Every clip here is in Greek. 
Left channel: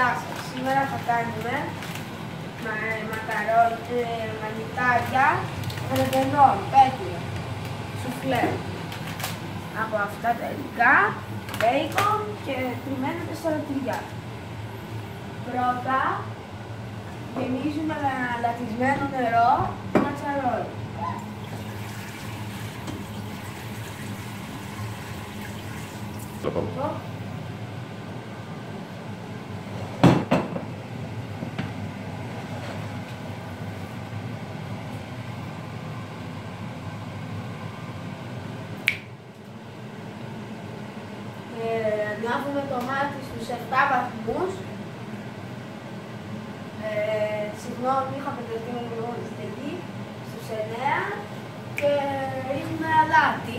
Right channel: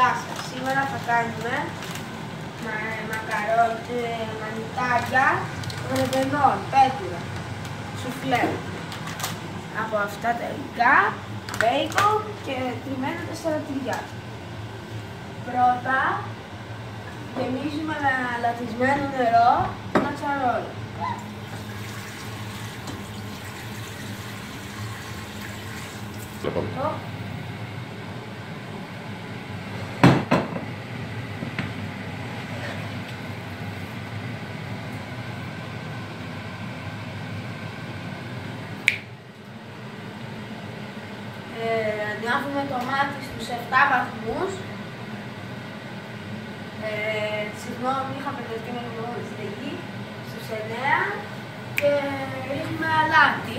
Γεια σας, σήμερα θα κάνουμε μανιτάρια ρεβενών, πέτουρα, σουφλέ. Από αυτά τα υλικά, μπέικον και τριμμένα 4 τυριά. Πρώτα, γεμίζουμε με λατισμένο νερό ένα τσαρόλι. Ανάβουμε το μάτι στους 7 βαθμούς. Συγγνώμη, είχα μπερδευτεί με την στεγή. Στους 9 και ρίχνουμε αλάτι.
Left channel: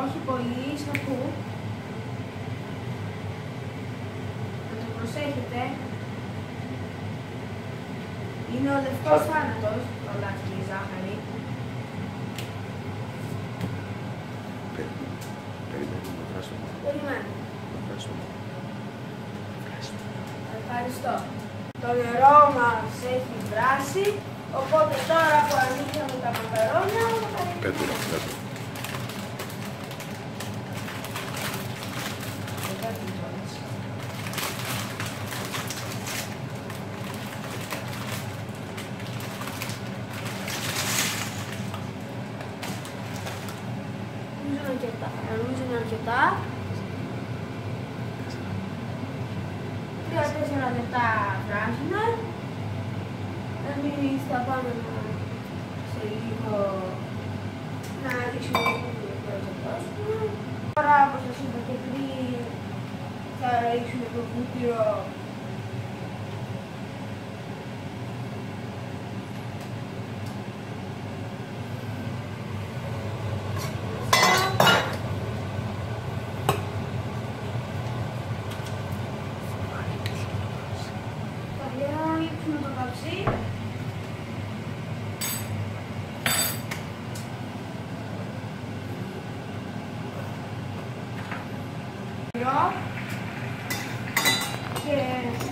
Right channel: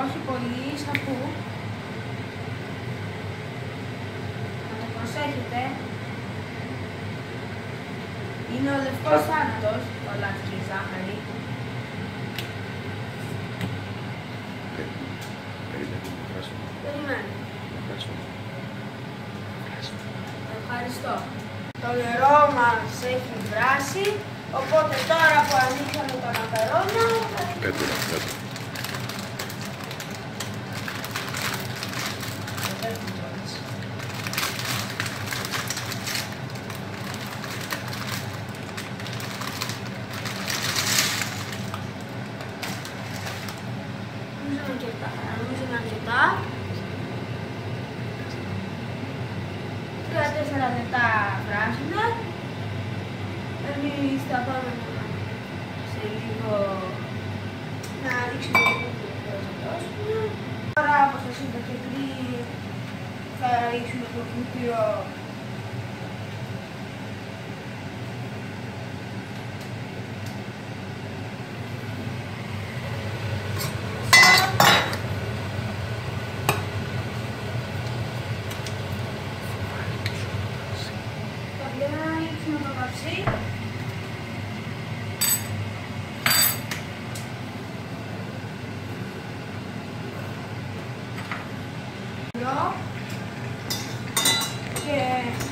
Όχι πολύ, σαφού. Προσέχετε, είναι ο λευκός θάνατος, ο αλάτι και η ζάχαρη. Περιμένουμε. Ευχαριστώ. Το νερό μας έχει βράσει, οπότε τώρα που ανοίξαμε τα μακαρόνια... Πέτουρα. Νομίζω είναι αρκετά. 3-4 λεπτά βράζουμε. Εμείς θα πάμε σε λίγο να ρίξουμε το κουτίο. Τώρα, όπως σας είπα και πριν, θα ρίξουμε το κουτίο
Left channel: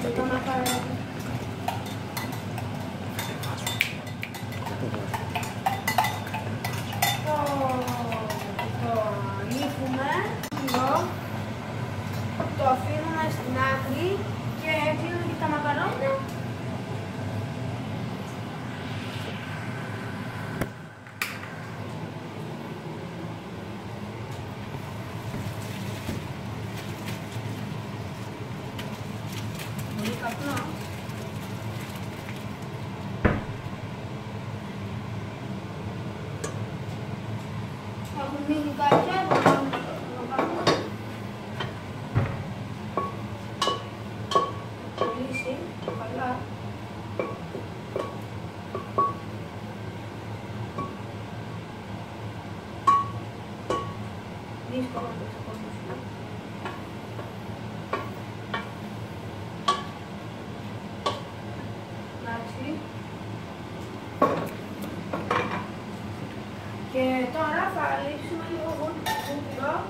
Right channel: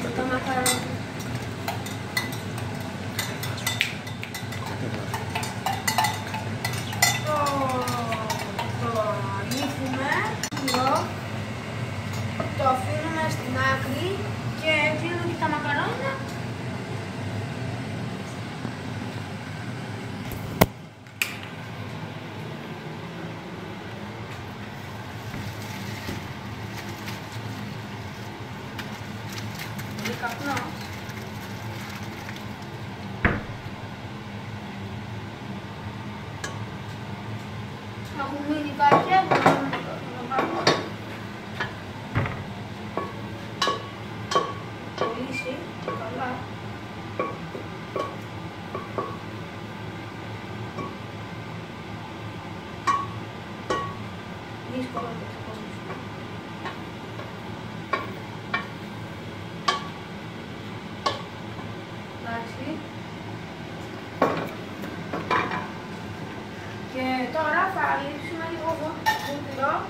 και το μακαρόνι. Το λύφουμε λίγο, το αφήνουμε στην άκρη και δίνουμε τα μακαρόνια. Καπνό. Έχουν μείνει κάποια, θα πάμε το πάμε. Λύσει, καλά. Δύσκολα το ξεχωρίσουμε. Και τώρα θα λείψουμε λίγο βούτυρο.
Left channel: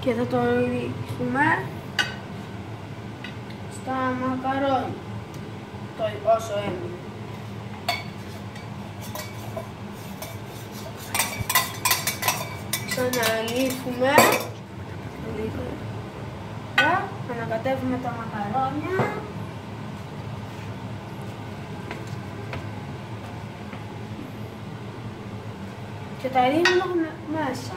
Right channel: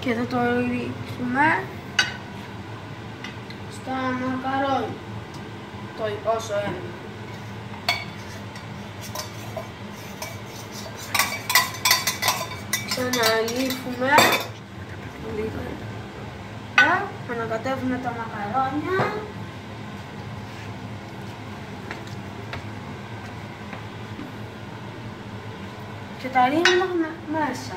Και θα το ρίξουμε στα μακαρόνια, όσο έμεινε. Ξαναλύσουμε, ανακατεύουμε τα μακαρόνια. Και τα ρίχνουμε μέσα.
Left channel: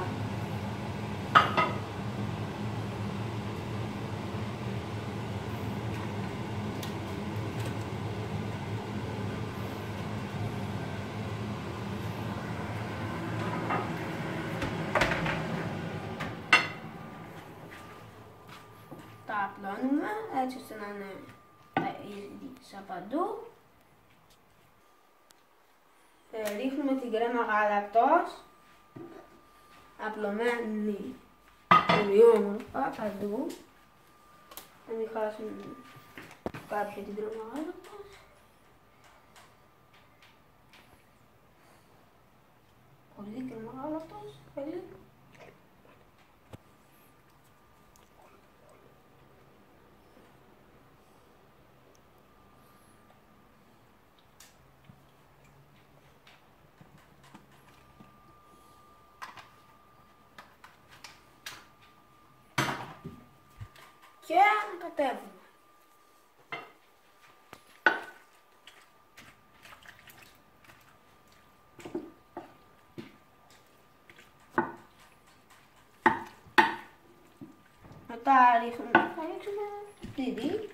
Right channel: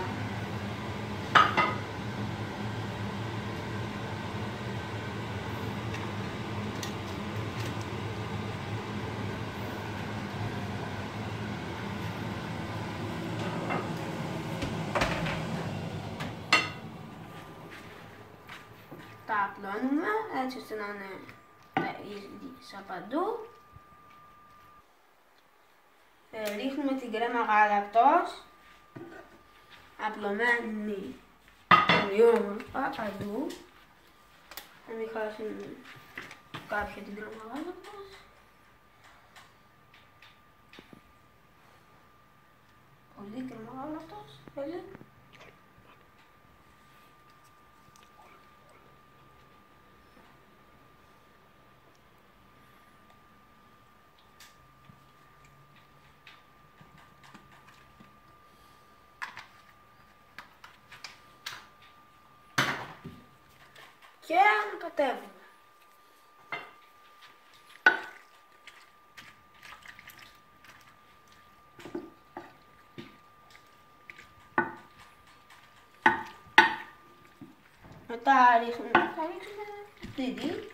τα απλώνουμε έτσι ώστε να είναι σαν παντού. Ρίχνουμε την κρέμα γάλακτος, απλωμένη ομοιόμορφα παντού, να μην χάσουν κάποια την κρέμα γάλακτος. Πολύ κρέμα γάλακτος, πολύ. Και ανακατεύουμε. Μετά θα ρίξουμε τυρί.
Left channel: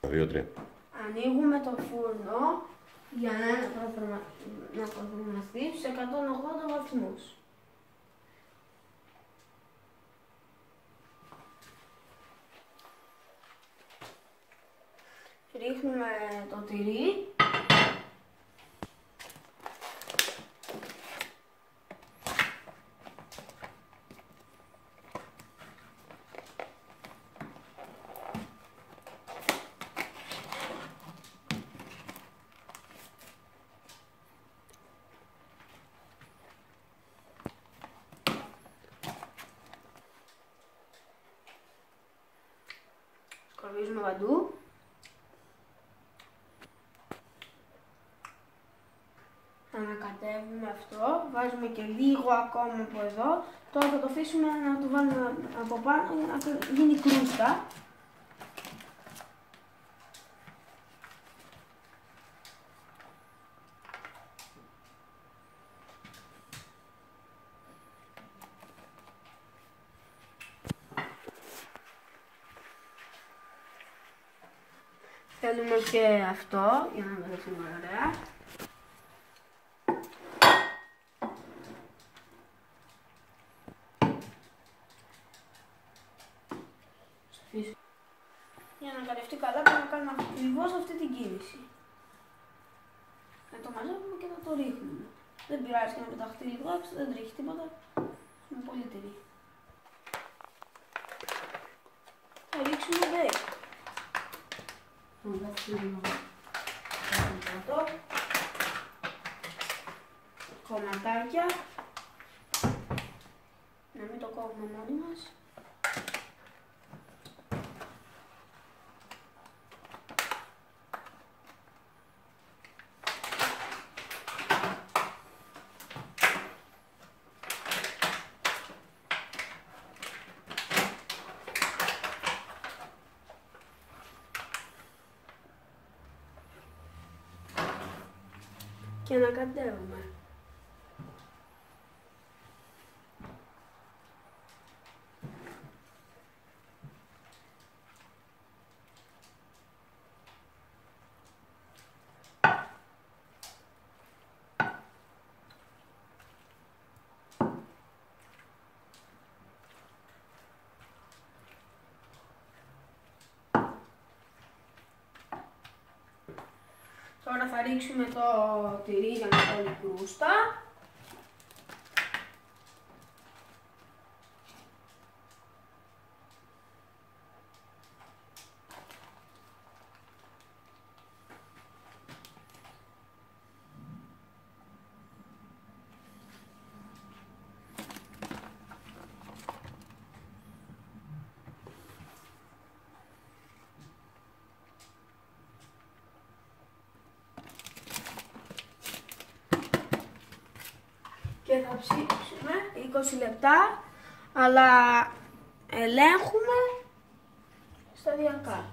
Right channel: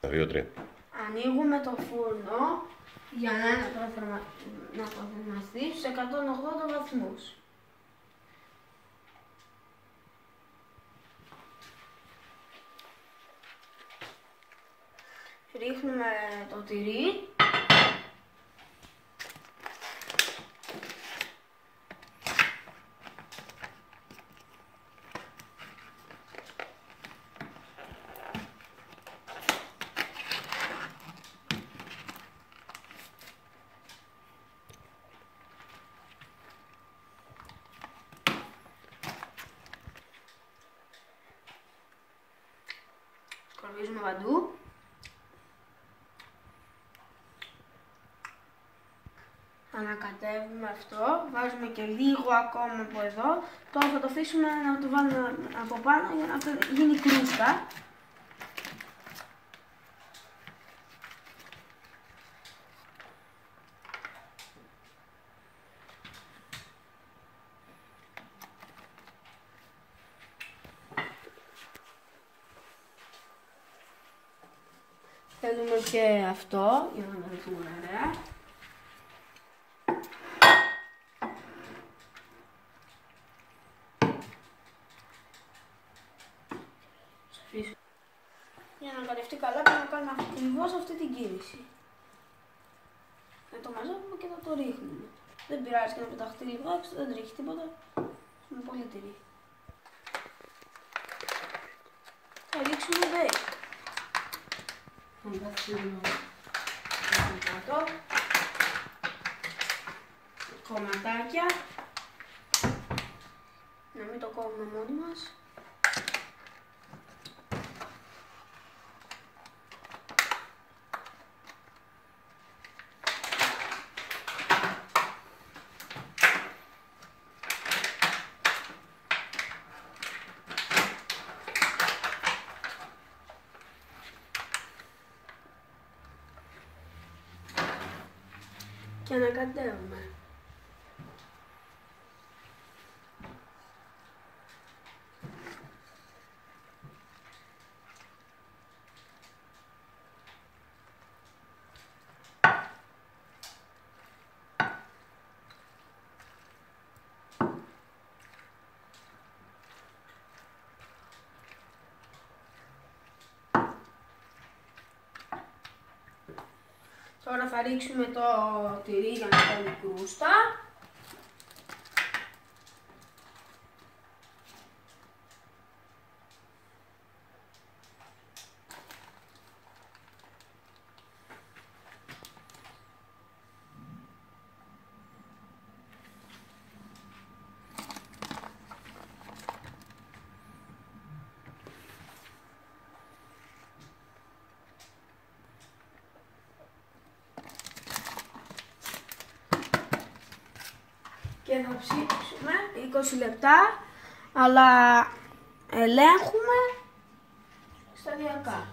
2-3. Ανοίγουμε το φούρνο για να προθερμαστεί στους 180 βαθμούς. Ρίχνουμε το τυρί. Σκορπίζουμε παντού. Ανακατεύουμε αυτό, βάζουμε και λίγο ακόμα από εδώ. Τώρα θα το αφήσουμε να το βάλουμε από πάνω για να γίνει κρούστα. Θέλουμε και αυτό για να βρεθούμε ωραία. Για να κατευτεί καλά πρέπει να κάνουμε ακριβώς αυτή την κίνηση. Να το μαζεύουμε και να το ρίχνουμε. Δεν πειράζει και να πεταχτεί λίγο έξω, δεν τρέχει τίποτα. Είναι πολύ τυρί. Θα ρίξουμε μπέικ. Θα καθίσουμε κάτω. Κομματάκια. Να μην το κόβουμε μόνοι μας. Και ανακατεύουμε. Τώρα θα ρίξουμε το τυρί για να κάνει κρούστα. Και θα ψήξουμε 20 λεπτά, αλλά ελέγχουμε σταδιακά.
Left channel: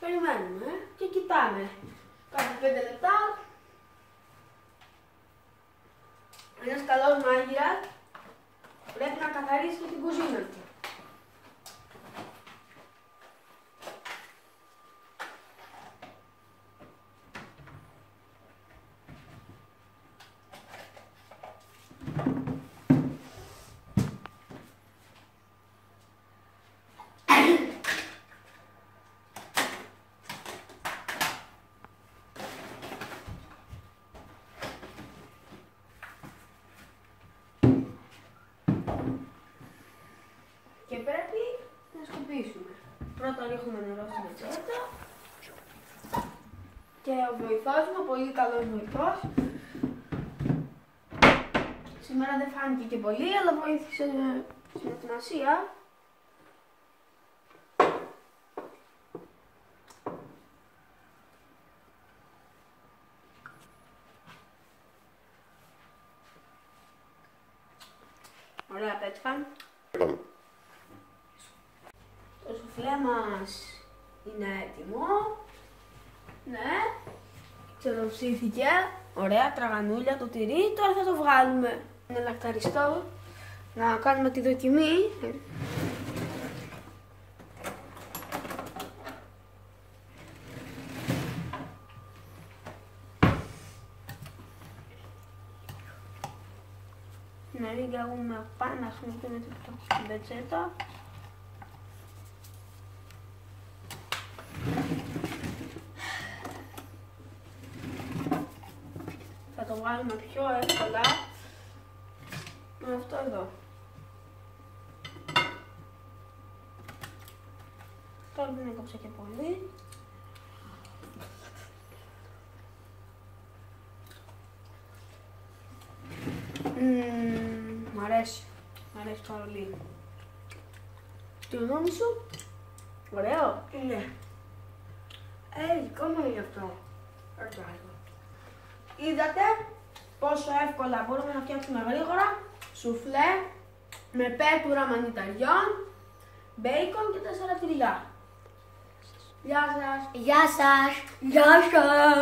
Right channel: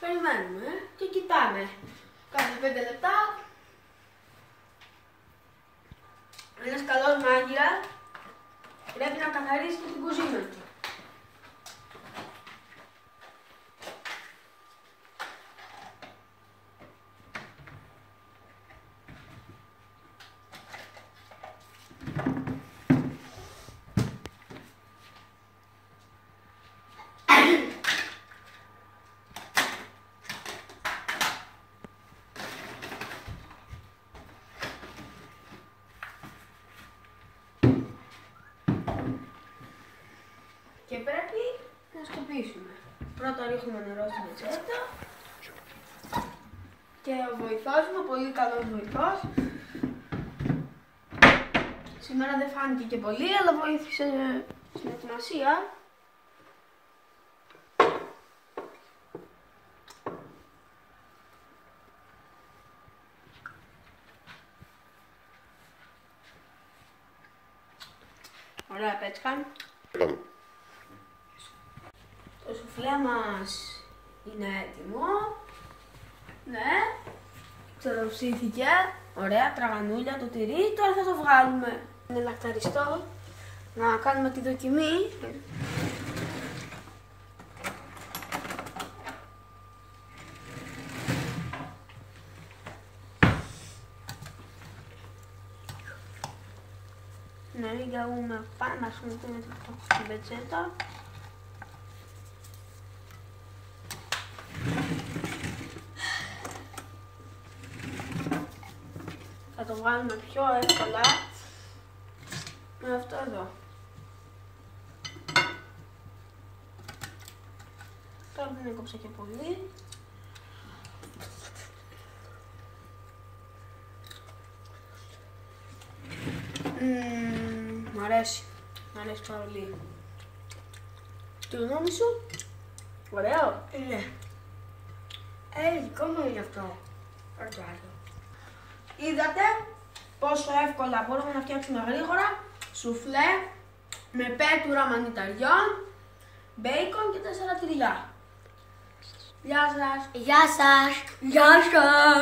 Περιμένουμε και κοιτάνε. Κάθε 5 λεπτά. Ένας καλός μάγειρας πρέπει να καθαρίσει και την κουζίνα του. Και πρέπει να σκουπίσουμε. Πρώτα ρίχνουμε νερό στην ατσέτα. Και ο βοηθός μου, πολύ καλός βοηθός. Σήμερα δεν φάνηκε και πολύ, αλλά βοήθησε στην ετοιμασία. Ωραία πέτσκα. Το σουφλέ μας είναι έτοιμο. Ναι, ξεροψήθηκε. Ωραία, τραγανούλια το τυρί. Τώρα θα το βγάλουμε. Είναι λακταριστό. Να κάνουμε τη δοκιμή. Ναι, ρίχνουμε πάνω να χρησιμοποιούμε την πετσέτα. Θα το βγάλουμε πιο εύκολα με αυτό εδώ. Τώρα δεν έκοψα και πολύ. Μ' αρέσει πάρα πολύ. Τι γνώμη σου? Ωραίο. Ναι. Δικό μου είναι αυτό. Είδατε πόσο εύκολα μπορούμε να φτιάξουμε γρήγορα σουφλέ με πέτουρα μανιταριών, μπέικον και 4 τυριά. Γεια σας! Γεια σας! Γεια σας!